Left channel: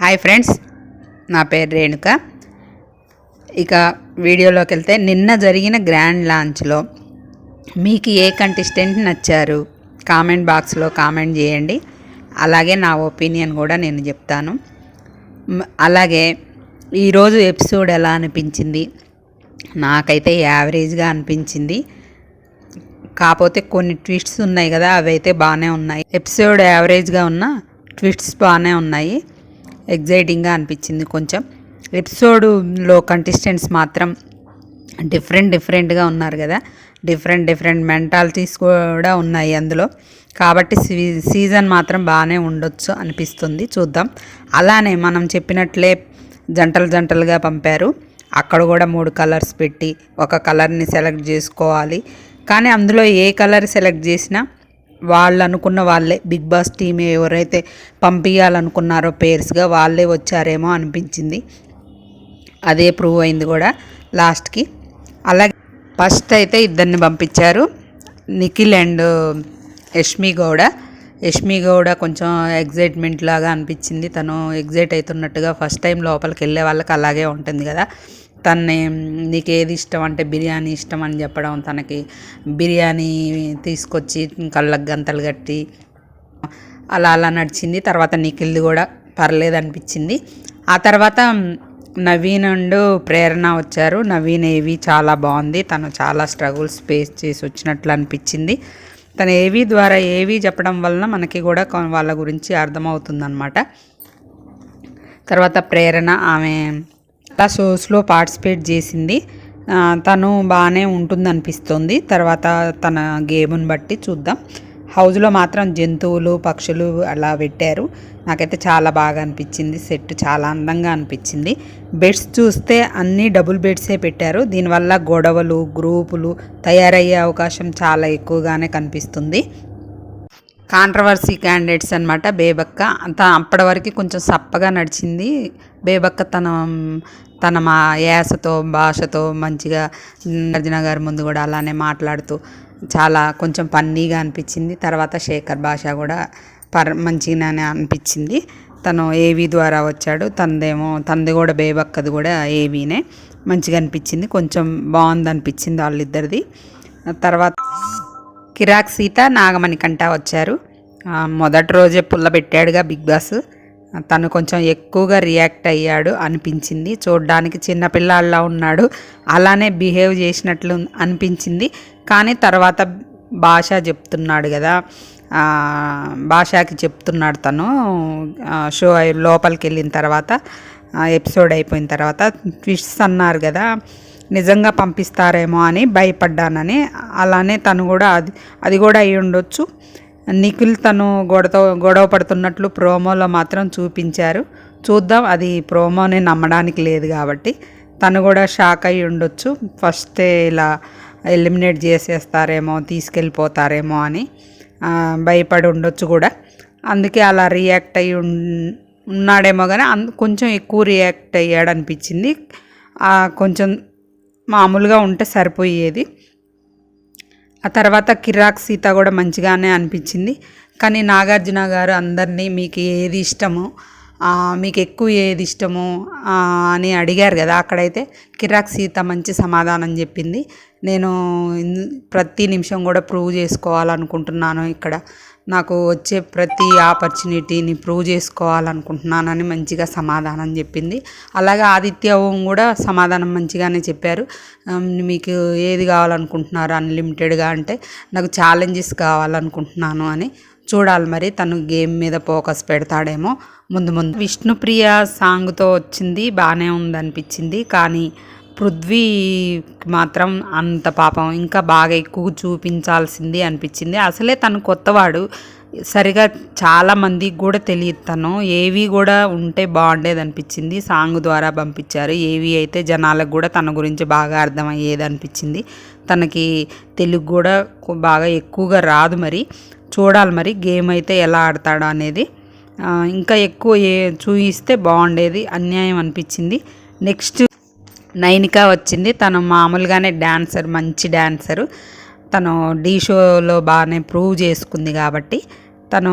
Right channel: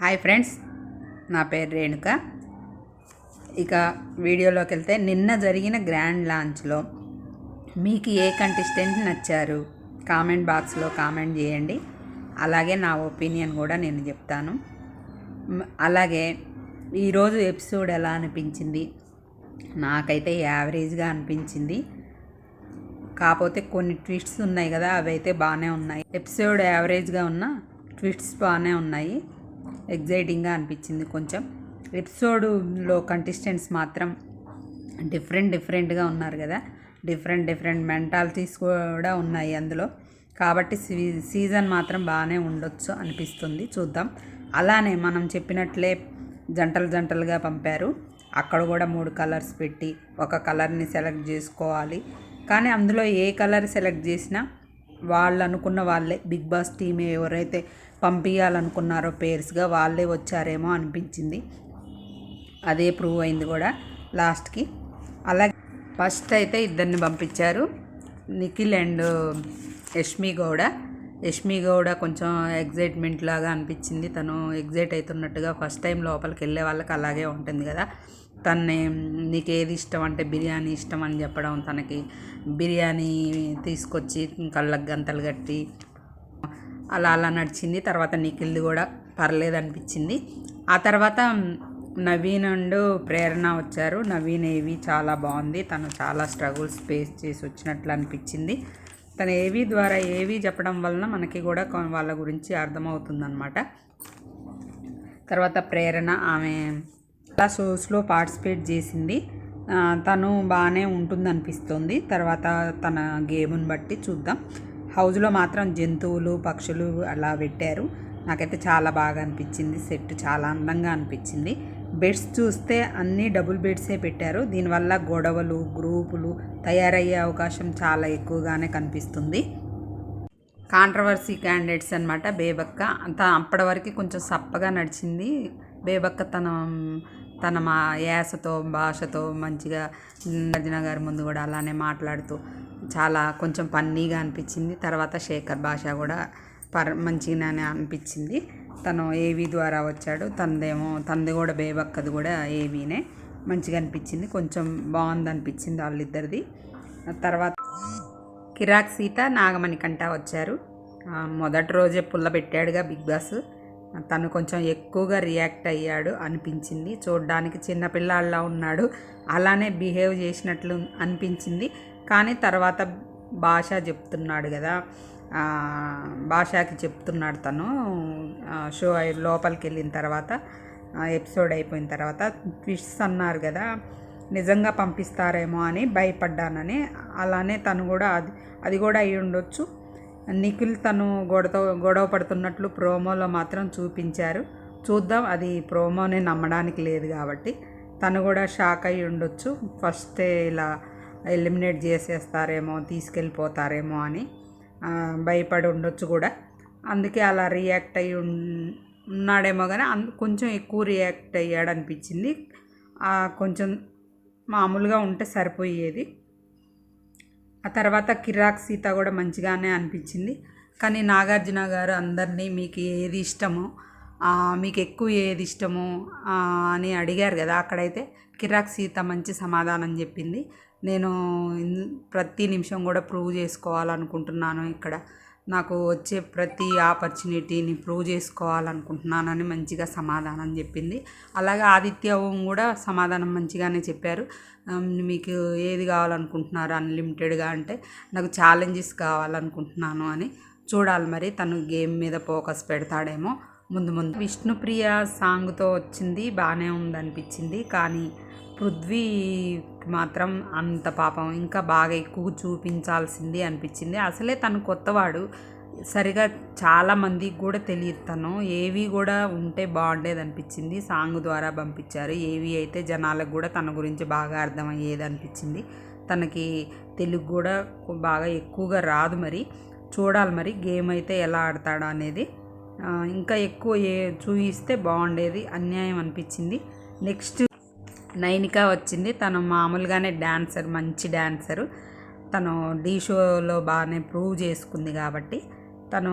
Hi friends నా పేరు రేణుక. ఇక వీడియోలోకి వెళ్తే నిన్న జరిగిన గ్రాండ్ లాంచ్లో మీకు ఏ కంటెస్టెంట్ నచ్చారు కామెంట్ బాక్స్లో కామెంట్ చేయండి. అలాగే నా ఒపీనియన్ కూడా నేను చెప్తాను. అలాగే ఈరోజు ఎపిసోడ్ ఎలా అనిపించింది? నాకైతే యావరేజ్గా అనిపించింది. కాకపోతే కొన్ని ట్విస్ట్స్ ఉన్నాయి కదా అవి అయితే బాగానే ఉన్నాయి. ఎపిసోడ్ యావరేజ్గా ఉన్న ట్విస్ట్స్ బాగానే ఉన్నాయి. ఎగ్జైటింగ్గా అనిపించింది కొంచెం. ఎపిసోడ్లో కంటెస్టెంట్స్ మాత్రం డిఫరెంట్ డిఫరెంట్గా ఉన్నారు కదా. డిఫరెంట్ డిఫరెంట్ మెంటాలిటీస్ కూడా ఉన్నాయి అందులో. కాబట్టి సీ- సీజన్ మాత్రం బాగానే ఉండొచ్చు అనిపిస్తుంది. చూద్దాం. అలానే మనం చెప్పినట్లే జంటలు జంటలుగా పంపారు. అక్కడ కూడా మూడు కలర్స్ పెట్టి ఒక కలర్ని సెలెక్ట్ చేసుకోవాలి. కానీ అందులో ఏ కలర్ సెలెక్ట్ చేసినా వాళ్ళు అనుకున్న వాళ్ళే. బిగ్ బాస్ టీమ్ ఎవరైతే పంపించాలనుకున్నారో పేర్స్గా వాళ్ళే వచ్చారేమో అనిపించింది. అదే ప్రూవ్ అయింది కూడా లాస్ట్కి. అలాగే ఫస్ట్ అయితే ఇద్దరిని పంపించారు. నిఖిల్ అండ్ యష్మి గౌడ. యష్మి గౌడ కొంచెం ఎగ్జైట్మెంట్ లాగా అనిపించింది. తను ఎగ్జైట్ అవుతున్నట్టుగా ఫస్ట్ టైం లోపలికి వెళ్ళే వాళ్ళకి అలాగే ఉంటుంది కదా. తన్నే నీకు ఏది ఇష్టం అంటే బిర్యానీ ఇష్టం అని చెప్పడం తనకి. బిర్యానీ తీసుకొచ్చి కళ్ళకు గంతలు కట్టి అలా అలా నడిచింది. తర్వాత నిఖిల్ది కూడా పర్లేదు అనిపించింది. ఆ తర్వాత నవీన్ అండ్ ప్రేరణ వచ్చారు. నవీన్ ఏవి చాలా బాగుంది. తను చాలా స్ట్రగుల్స్ ఫేస్ చేసి వచ్చినట్లు అనిపించింది. తను ఏవి ద్వారా ఏవి చెప్పడం వలన మనకి కూడా వాళ్ళ గురించి అర్థమవుతుందన్నమాట. తర్వాత ప్రేరణ ఆమె అలా షోస్లో పార్టిసిపేట్ చేసింది. తను బాగానే ఉంటుంది అనిపిస్తుంది తర్వాత తన గేమ్ని బట్టి చూద్దాం. హౌస్లో మాత్రం జంతువులు పక్షులు అలా పెట్టారు. నాకైతే చాలా బాగా అనిపించింది. సెట్ చాలా అందంగా అనిపించింది. బెడ్స్ చూస్తే అన్నీ డబుల్ బెడ్సే పెట్టారు. దీనివల్ల గొడవలు గ్రూపులు తయారయ్యే అవకాశం చాలా ఎక్కువగానే కనిపిస్తుంది. కాంట్రవర్సీ క్యాండిడేట్స్ అనమాట బేబక్క. అంత అప్పటి వరకు కొంచెం సప్పగా నడిచింది. బేబక్క తన తన మా యాసతో భాషతో మంచిగా అర్జున గారి ముందు కూడా అలానే మాట్లాడుతూ చాలా కొంచెం పన్నీగా అనిపించింది. తర్వాత శేఖర్ భాష కూడా పర్ మంచిగానే అనిపించింది. తను ఏవి ద్వారా వచ్చాడు తనదేమో తనది కూడా బేబక్కది కూడా ఏవీనే. మంచిగా అనిపించింది కొంచెం బాగుంది అనిపించింది వాళ్ళిద్దరిది. తర్వాత కిరాక్ సీత నాగమణికంట వచ్చారు. మొదటి రోజే పుల్ల పెట్టాడుగా బిగ్ బాస్. తను కొంచెం ఎక్కువగా రియాక్ట్ అయ్యాడు అనిపించింది. చూడ్డానికి చిన్నపిల్లాడిలా ఉన్నాడు. అలానే బిహేవ్ చేసినట్లు అనిపించింది. కానీ తర్వాత భాష చెప్తున్నాడు కదా. భాషకి చెప్తున్నాడు తను. షో లోపలికి వెళ్ళిన తర్వాత ఎపిసోడ్ అయిపోయిన తర్వాత ట్విస్ట్స్ అన్నారు కదా. నిజంగా పంపిస్తారేమో అని భయపడ్డానని. అలానే తను కూడా అది అది కూడా అయి ఉండొచ్చు. నిఖిల్ తను గొడవ గొడవ పడుతున్నట్లు ప్రోమోలో మాత్రం చూపించారు. చూద్దాం అది ప్రోమోని నమ్మడానికి లేదు కాబట్టి. తను కూడా షాక్ అయి ఉండొచ్చు. ఫస్టే ఇలా ఎలిమినేట్ చేసేస్తారేమో తీసుకెళ్ళిపోతారేమో అని భయపడి ఉండొచ్చు కూడా. అందుకే అలా రియాక్ట్ అయ్యి ఉన్నాడేమో కానీ అందు కొంచెం ఎక్కువ రియాక్ట్ అయ్యాడు అనిపించింది కొంచెం మామూలుగా ఉంటే సరిపోయేది. ఆ తర్వాత కిరాక్ సీత కూడా మంచిగానే అనిపించింది. కానీ నాగార్జున గారు అందరినీ మీకు ఏది ఇష్టమో మీకు ఎక్కువ ఏది ఇష్టమో అని అడిగారు కదా అక్కడైతే కిరాక్ సీత మంచి సమాధానం చెప్పింది. నేను ప్రతి నిమిషం కూడా ప్రూవ్ చేసుకోవాలనుకుంటున్నాను ఇక్కడ. నాకు వచ్చే ప్రతి ఆపర్చునిటీని ప్రూవ్ చేసుకోవాలనుకుంటున్నానని మంచిగా సమాధానం చెప్పింది. అలాగే ఆదిత్య ఓం కూడా సమాధానం మంచిగానే చెప్పారు. మీకు ఏది కావాలనుకుంటున్నారు అన్లిమిటెడ్గా అంటే నాకు ఛాలెంజెస్ కావాలనుకుంటున్నాను అని చూడాలి మరి. తను గేమ్ మీద ఫోకస్ పెడతాడేమో ముందు ముందు. విష్ణుప్రియ సాంగ్తో వచ్చింది బాగానే ఉందనిపించింది. కానీ పృథ్వీ మాత్రం అంత పాపం. ఇంకా బాగా ఎక్కువ చూపించాల్సింది అనిపించింది. అసలే తను కొత్తవాడు. సరిగా చాలా మందికి కూడా తెలియదు తను. ఏవి కూడా ఉంటే బాగుండేది అనిపించింది. సాంగ్ ద్వారా పంపించారు. ఏవి అయితే జనాలకు కూడా తన గురించి బాగా అర్థమయ్యేది అనిపించింది. తనకి తెలుగు కూడా బాగా ఎక్కువగా రాదు మరి. చూడాలి మరి గేమ్ అయితే ఎలా ఆడతాడో అనేది. ఇంకా ఎక్కువ ఏ చూయిస్తే బాగుండేది. అన్యాయం అనిపించింది. నెక్స్ట్ నైనిక వచ్చింది. తను మామూలుగానే డాన్సర్ మంచి డాన్సరు. తను డీ షోలో బాగానే ప్రూవ్ చేసుకుంది కాబట్టి తను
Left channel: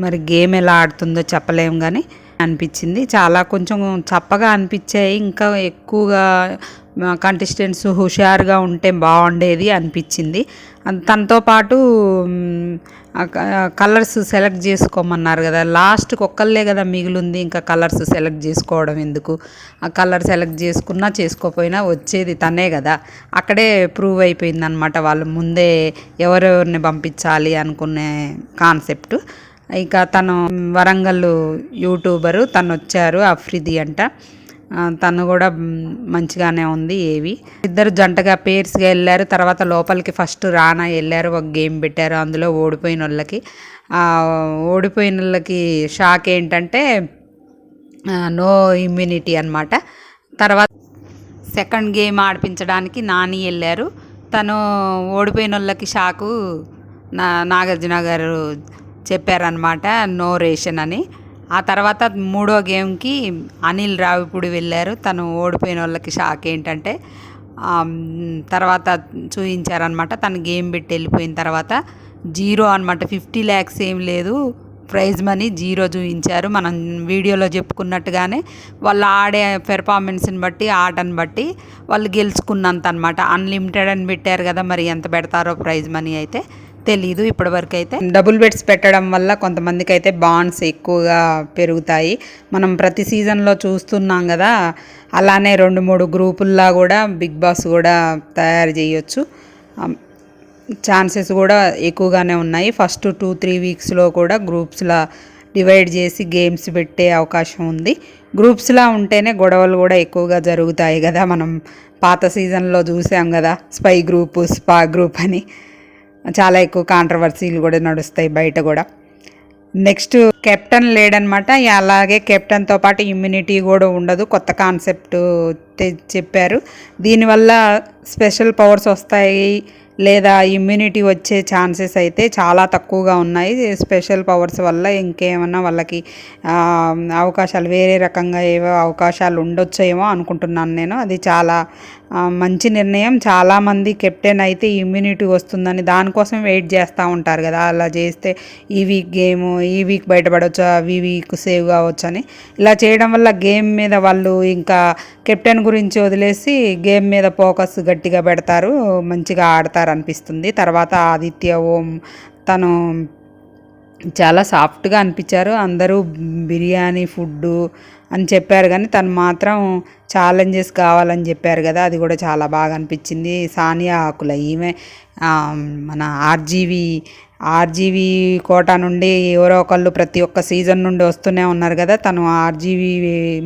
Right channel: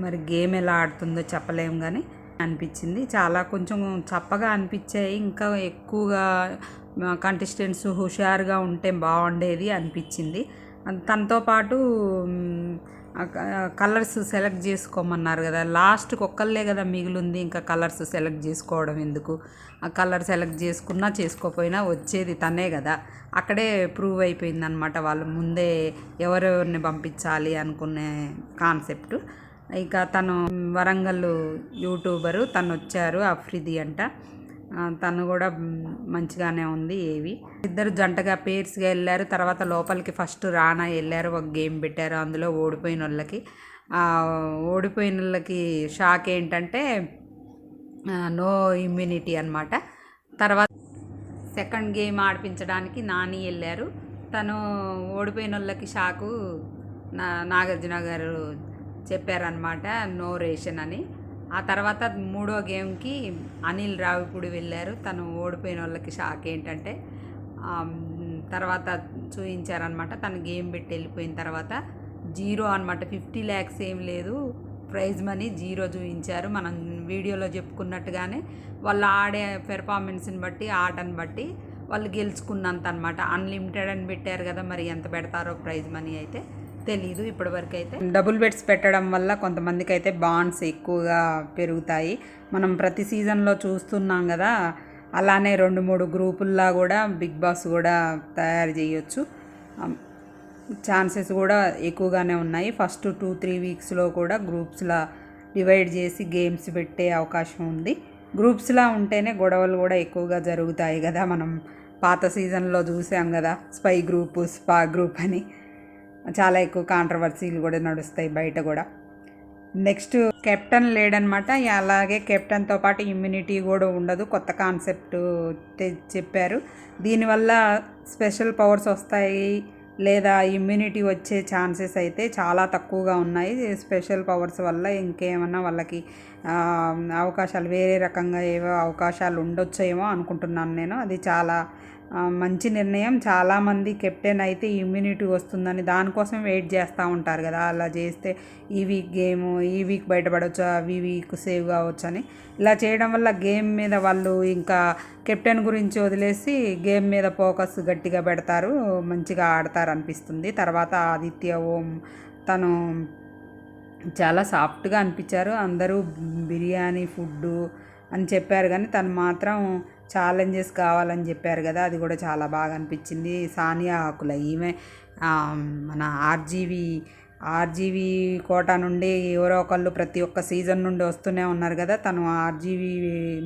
మరి గేమ్ ఎలా ఆడుతుందో చెప్పలేము కానీ అనిపించింది. చాలా కొంచెం చప్పగా అనిపించాయి. ఇంకా ఎక్కువగా కంటెస్టెంట్స్ హుషారుగా ఉంటే బాగుండేది అనిపించింది. తనతో పాటు కలర్స్ సెలెక్ట్ చేసుకోమన్నారు కదా. లాస్ట్కి ఒక్కళ్ళే కదా మిగిలింది. ఇంకా కలర్స్ సెలెక్ట్ చేసుకోవడం ఎందుకు? ఆ కలర్ సెలెక్ట్ చేసుకున్నా చేసుకోపోయినా వచ్చేది తనే కదా. అక్కడే ప్రూవ్ అయిపోయింది అనమాట వాళ్ళు. ముందే ఎవరెవరిని పంపించాలి అనుకునే కాన్సెప్ట్. ఇక తను వరంగల్ యూట్యూబరు తను వచ్చారు అఫ్రిది అంట. తను కూడా మంచిగానే ఉంది ఏవి. ఇద్దరు జంటగా పేర్స్గా వెళ్ళారు. తర్వాత లోపలికి ఫస్ట్ రానా వెళ్ళారు ఒక గేమ్ పెట్టారు. అందులో ఓడిపోయిన వాళ్ళకి. ఓడిపోయిన వాళ్ళకి షాక్ ఏంటంటే నో ఇమ్యూనిటీ అనమాట తర్వాత సెకండ్ గేమ్ ఆడిపించడానికి నాని వెళ్ళారు. తను ఓడిపోయిన వాళ్ళకి షాకు నా నాగార్జున గారు చెప్పారనమాట నో రేషన్ అని. ఆ తర్వాత మూడో గేమ్కి అనిల్ రావిపూడి వెళ్ళారు. తను ఓడిపోయిన వాళ్ళకి షాక్ ఏంటంటే తర్వాత చూపించారనమాట తను గేమ్ పెట్టి వెళ్ళిపోయిన తర్వాత జీరో అనమాట ఫిఫ్టీ ల్యాక్స్ ఏం లేదు. ప్రైజ్ మనీ జీరో చూపించారు మనం వీడియోలో చెప్పుకున్నట్టుగానే వాళ్ళు ఆడే పెర్ఫార్మెన్స్ని బట్టి ఆటను బట్టి వాళ్ళు గెలుచుకున్నంత అనమాట అన్లిమిటెడ్ అని పెట్టారు కదా మరి ఎంత పెడతారో ప్రైజ్ మనీ అయితే. తెలీదు ఇప్పటివరకు అయితే డబుల్ బెడ్స్ పెట్టడం వల్ల కొంతమందికి అయితే బాండ్స్ ఎక్కువగా పెరుగుతాయి. మనం ప్రతి సీజన్లో చూస్తున్నాం కదా అలానే రెండు మూడు గ్రూపుల్లా కూడా బిగ్ బాస్ కూడా తయారు చేయొచ్చు. ఛాన్సెస్ కూడా ఎక్కువగానే ఉన్నాయి. ఫస్ట్ టూ త్రీ వీక్స్లో కూడా గ్రూప్స్లా డివైడ్ చేసి గేమ్స్ పెట్టే అవకాశం ఉంది. గ్రూప్స్లా ఉంటేనే గొడవలు కూడా ఎక్కువగా జరుగుతాయి కదా మనం పాత సీజన్లో చూసాం కదా స్పై గ్రూప్ స్పా గ్రూప్ అని. చాలా ఎక్కువ కాంట్రవర్సీలు కూడా నడుస్తాయి బయట కూడా. నెక్స్ట్ కెప్టెన్ లేడనమాట. అలాగే కెప్టెన్తో పాటు ఇమ్యూనిటీ కూడా ఉండదు. కొత్త కాన్సెప్ట్ తె- చెప్పారు. దీనివల్ల స్పెషల్ పవర్స్ వస్తాయి లేదా ఇమ్యూనిటీ వచ్చే ఛాన్సెస్ అయితే చాలా తక్కువగా ఉన్నాయి. స్పెషల్ పవర్స్ వల్ల ఇంకేమన్నా వాళ్ళకి అవకాశాలు వేరే రకంగా ఏవో అవకాశాలు ఉండొచ్చేమో అనుకుంటున్నాను నేను. అది చాలా మంచి నిర్ణయం. చాలామంది కెప్టెన్ అయితే ఇమ్యూనిటీ వస్తుందని దానికోసం వెయిట్ చేస్తూ ఉంటారు కదా. అలా చేస్తే ఈ వీక్ గేమ్ ఈ వీక్ బయటపడవచ్చు ఈ వీక్ సేవ్ కావచ్చు అని ఇలా చేయడం వల్ల గేమ్ మీద వాళ్ళు ఇంకా కెప్టెన్ గురించి వదిలేసి గేమ్ మీద ఫోకస్ గట్టిగా పెడతారు. మంచిగా ఆడతారు అనిపిస్తుంది. తర్వాత ఆదిత్య ఓం తను చాలా సాఫ్ట్గా అనిపించారు. అందరూ బిర్యానీ ఫుడ్డు అని చెప్పారు కానీ తను మాత్రం ఛాలెంజెస్ కావాలని చెప్పారు కదా అది కూడా చాలా బాగా అనిపించింది. సానియా ఆకుల ఈమె మన ఆర్జీవి ఆర్జీవి కోట నుండి ఎవరో ఒకళ్ళు ప్రతి ఒక్క సీజన్ నుండి వస్తూనే ఉన్నారు కదా తను ఆర్జీవి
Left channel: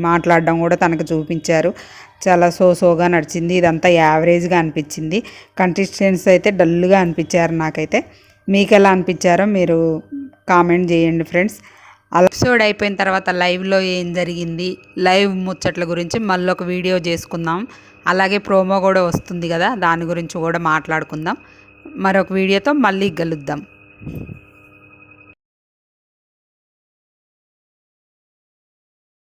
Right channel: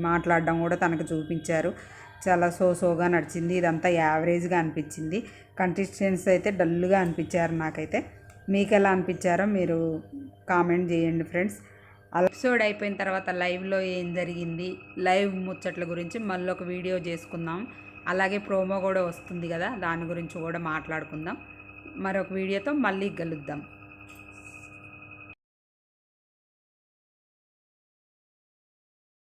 మాట్లాడడం కూడా తనకు చూపించారు. చాలా సో సోగా నడిచింది. ఇదంతా యావరేజ్గా అనిపించింది. కంటెస్టెంట్స్ అయితే డల్గా అనిపించారు నాకైతే. మీకు ఎలా అనిపించారో మీరు కామెంట్ చేయండి ఫ్రెండ్స్ ఎపిసోడ్ అయిపోయిన తర్వాత లైవ్లో ఏం జరిగింది? లైవ్ ముచ్చట్ల గురించి మళ్ళీ ఒక వీడియో చేసుకుందాం. అలాగే ప్రోమో కూడా వస్తుంది కదా దాని గురించి కూడా మాట్లాడుకుందాం. మరొక వీడియోతో మళ్ళీ కలుద్దాం.